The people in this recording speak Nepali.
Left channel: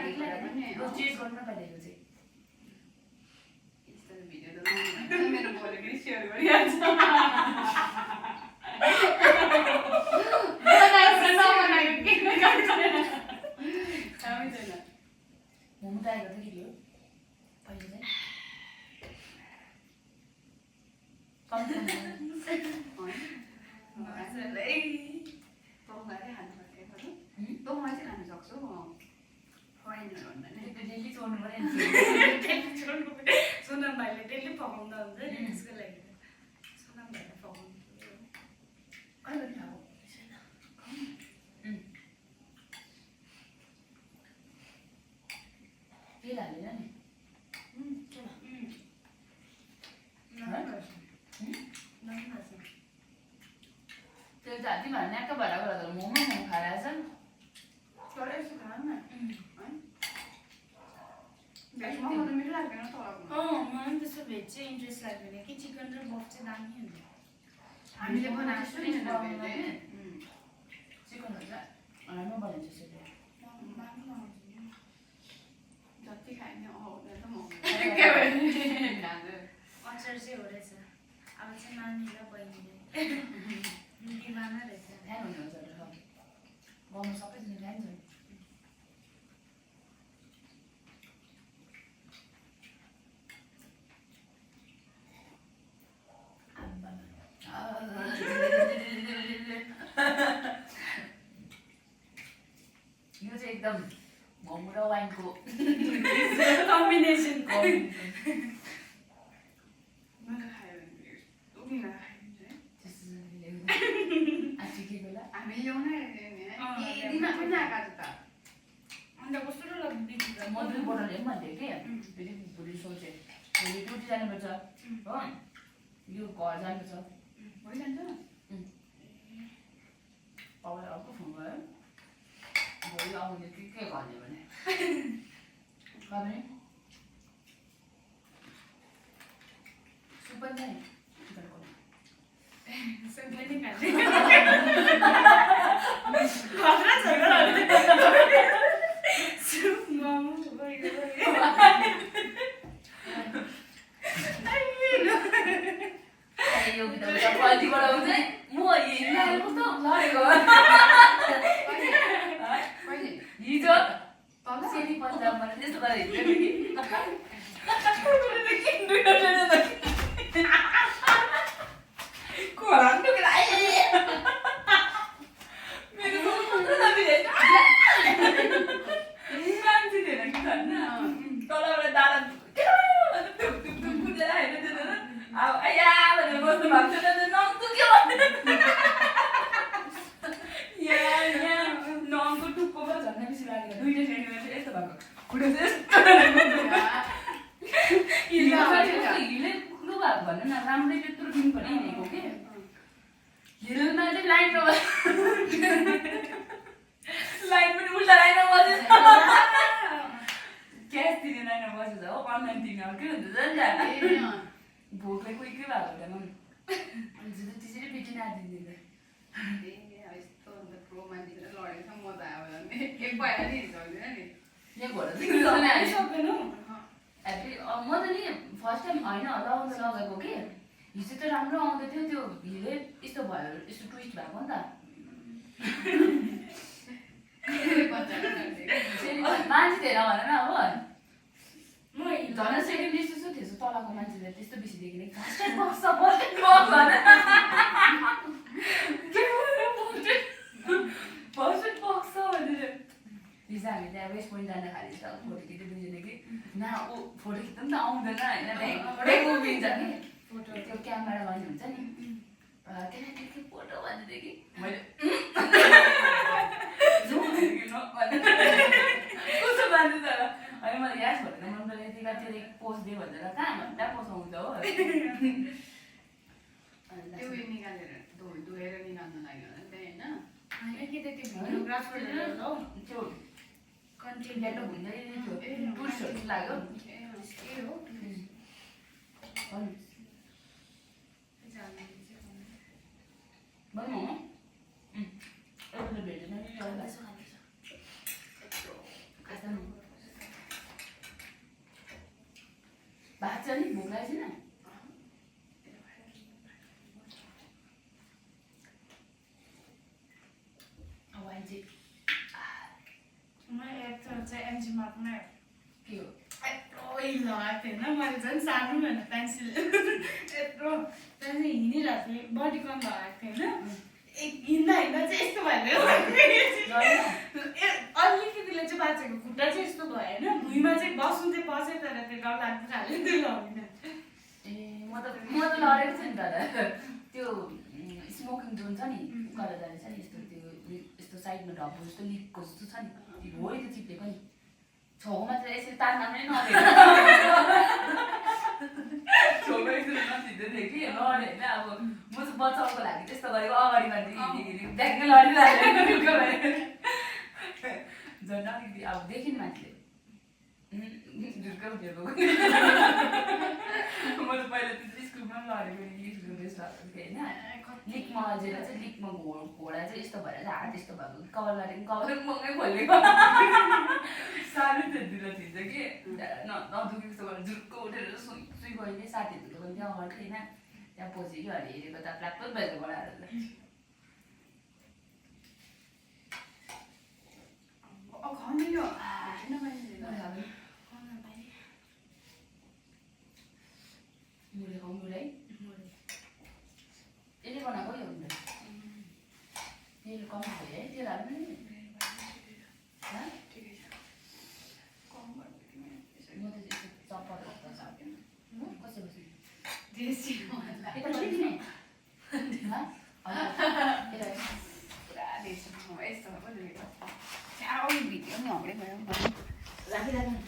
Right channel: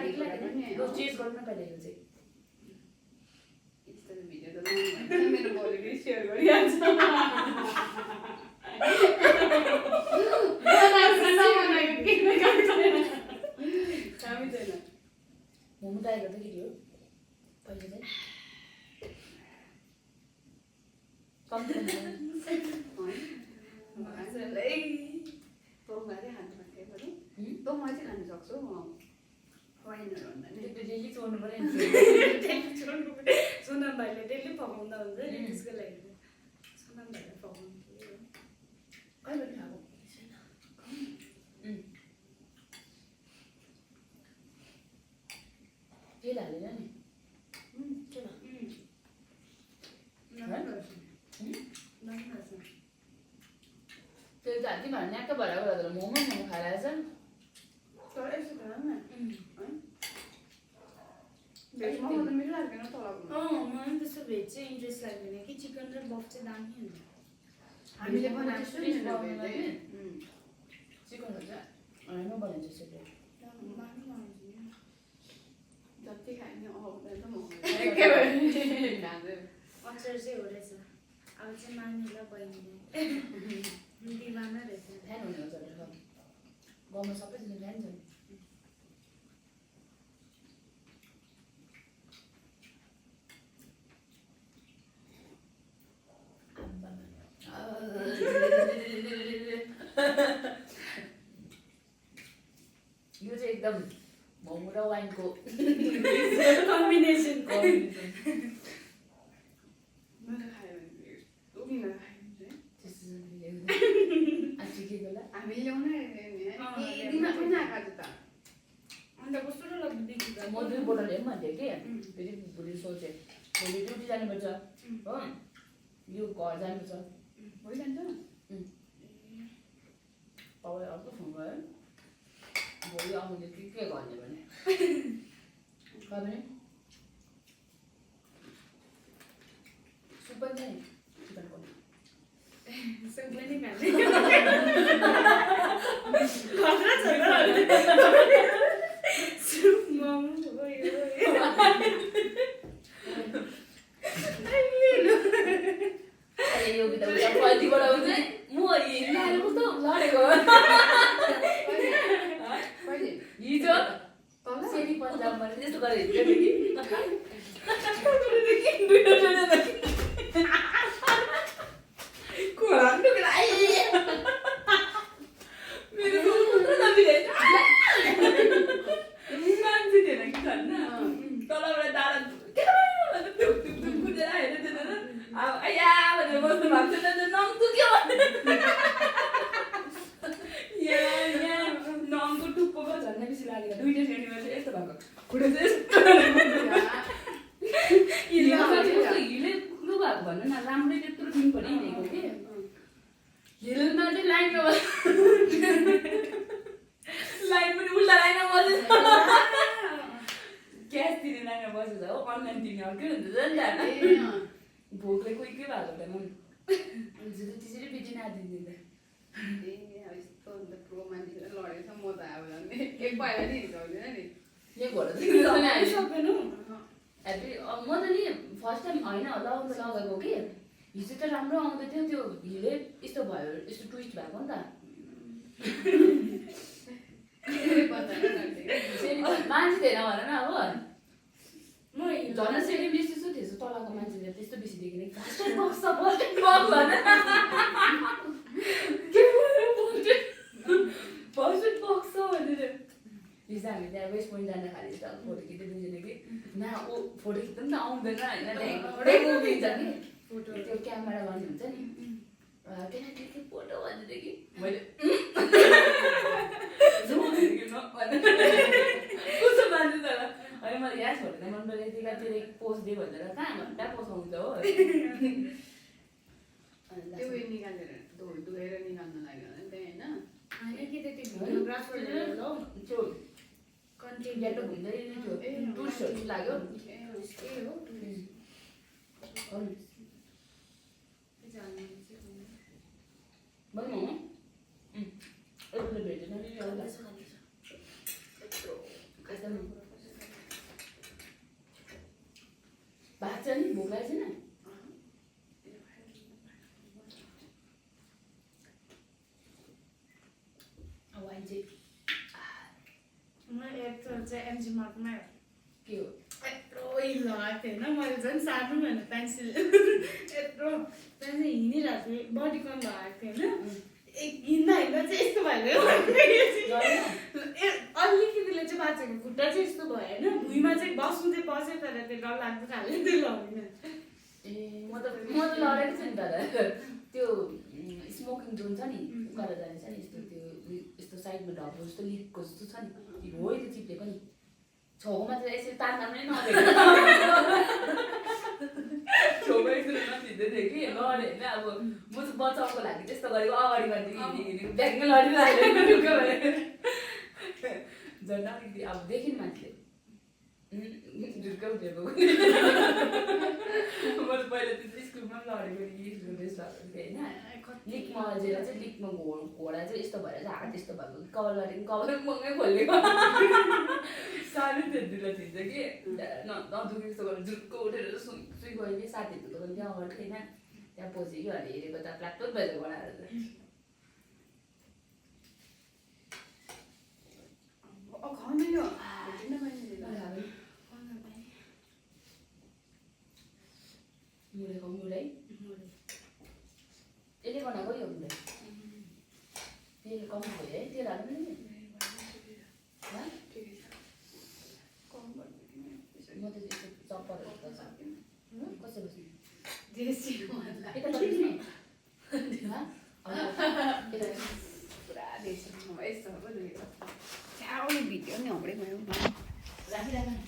चेन्ज गर्न नपाइदिएको चाहिँ भिडियो त मेरो भोलि सेयर गरिहाल्छ मोमो ट्राई गर्दै के हो पहिला चाहिँ कम्ती तँलाई खानु सक्यो बरु तँ म चाहिँ खानु सक्छु फाइनल भन्दा नि डेली छोड्नु पर्यो सोनम भाइले डेली पकाउँदा हुन्छ नि त्यसको लागि सोनम भाइले पकाउनु कहिले खाएको तेल हालेर नि तेल त हाल्दै भएर न्याक्क भएर मोमो खाएर आएछ तर यसो खानु न भेज मोमो त मिठो लाग्दैन तलको मलाई त्यस्तो भेज चाहिँ इन्ट्रेस्ट लाग्दैन कि चिकन र बफ चाहिँ दामी हुन्छ हामीले बनाएको नि चिकन हुन्छ राम्रो बनिन्छ चिकन जति खायो नि आउँदैन म अचार चाहिँ हो रहेछ अब चाहिँ मानी र बहिनीले दिवाना रहेछ फ्यान हुने हुन्छ गाउँमा सबैजना फ्यान छ यो चाहिँ एकदम मोमो र वाइनको कम्बिनेसन हामी ल्याउनै दिन पनि आएको त अन्त कस्तो लाग्दैछ म 2 बोतल ल्याउँ भन्थेँ कि फेरि भोलि सोचेँ भोलि ड्युटी जानुपर्छ हो यो घर जानुपर्छ भइजान्छ तपाईँ अर्को फोन गऱ्यो भोलि आउने के गर्ने भने पनि सुप पनि छ नि चिकनको सुपले नि खान्छ सुप मोमो यो भित्र क्वालिटी बढाउँछ म हिँड्नु कस्तो लगेको हिजो सेती पन्जाबमा त्यस्तो गरेर भन्नु न राम्रै त्यत्रो दिन पनि हिँडेको कि हिलमा चाहिँ लाइनमा लाइन पनि उल्टा लाइनमा बसेछ क्यास दिने लाइनमा बसेछ हो अनलाइन दिने अब के हुन्छ नि भोकले कोही के भएको थिएन त्यसरी बिजी नदिँदैन ठुलो मान्छे लडेछ म त अब एक पाइला नि हिँड्दैन नि सक्दैनौ म त नि फर्स्ट टाइम होइन लगाउँदा लगाएको कि हिजो त राम्रो आउँदै थियो त्यो हिलै यस्तो भयो यस्तो ट्विस्ट भएको नि त मान्छे थिएन भन न अब म झन् सेकेन्ड जस्तो थिएछ तलको मान्छेले त्यस्तो बेसी देखेन फर्स्ट बक्स भनेर हिजो हामी त्यहाँ वेस्ट पोइन्ट जान खाली त फोटो खिच्दै दुईजना कि न ऊ फोटो खिच्नु पनि त आउँदैन होइन उभिन्छ नि त्यो क्यामेरा गर्ने हुन्छ नि केटाकेटी फोटो भनेदेखि मैले कस्तो मान्छ तर है मैले यहाँ छोडेर मन यतिका त्यो पोस्ट दिएँ भनेर कहाँ घन्टा पोस्ट आउँछ हो त्यो निकालेर धोएर निकाल्नु लाग्यो भने होइन कि त्यति भिडियोग्राफरहरू हो त्यो कन्टेन्ट त हुँदै थियो टुरिस्टहरू लाग्यो भन्नु एउटा त भेटेन नि बेन्चमार्कमा के हो यत्रो हिल लगाएको थिएँ होइन मैले झन् सार्नु भनेर पेन्सिल यत्रो त्यहाँदेखि हिँडिरहेको थिएँ बडीकन लगाएको थिएँ होइन हिँड्दा हिँड्दा चाहिँ यस्तो भयो अलिकतिले चाहिँ बाँचेको खुट्टा चाहिँ यस्तो भयो होइन भुइँमा चाहिँ बस्नु चाहिँ बस्यो तर त्यो डर लाग्दो खाले त्यो लगाउँदिनँ ए म त लडेको छु नि दादा त्यो स्मोकिङ जोन छ नि उकालो जाने छ नि यस्तो त्यो यस्तो साइडमा ढब्बो जस्तो लिकको जस्तो छ नि हो त्यो चिप्लेको नि छेउमा चाहिँ यसरी तान्दा पनि नदेख्यो छेउमा एकचोटि नछिँदै थियो कि लड्यो होइन अब म चाहिँ बचाउको लागि त्यस्तो गरेको अगाडिमा हिँड्दाखेरि ब्यागमै लडिरहेको झन् अलिकति अब देखिन् मान्छेले झुर्कै उठेको म त पहिला त्यो स्कुलमा पनि लडेको लिक ड्रेस लगाएको थिएँ होइन लिकमा अझेर चाहिँ लिकमा घोडा चाहिँ यस्तो भएर चाहिँ हात यस्तो भएको कभर गरेको कभर मङ्गै खोलेको सानो थियो दुईलाई थिन्छ कि नदुखी जस्तो गरेर झुक्क उठेर सुई सुई गयो कि साथीहरूको पनि त्यहाँ अगाडि थिएन त्यहाँ पछि कि अहिले हेरेको त प्लाक्टो भएर बनाएर खाने यो भेटिन मैले मुले खाउँ मुलै यसले बनाएको यो मुले तेल कम भयो है तेल हाल्नु नि म त यस्तो चप्पलहरू त छ कसै बस्नु यता बस्ने पुरा देश यस्तो भिडियो नि हाम्रै भयो राखी राख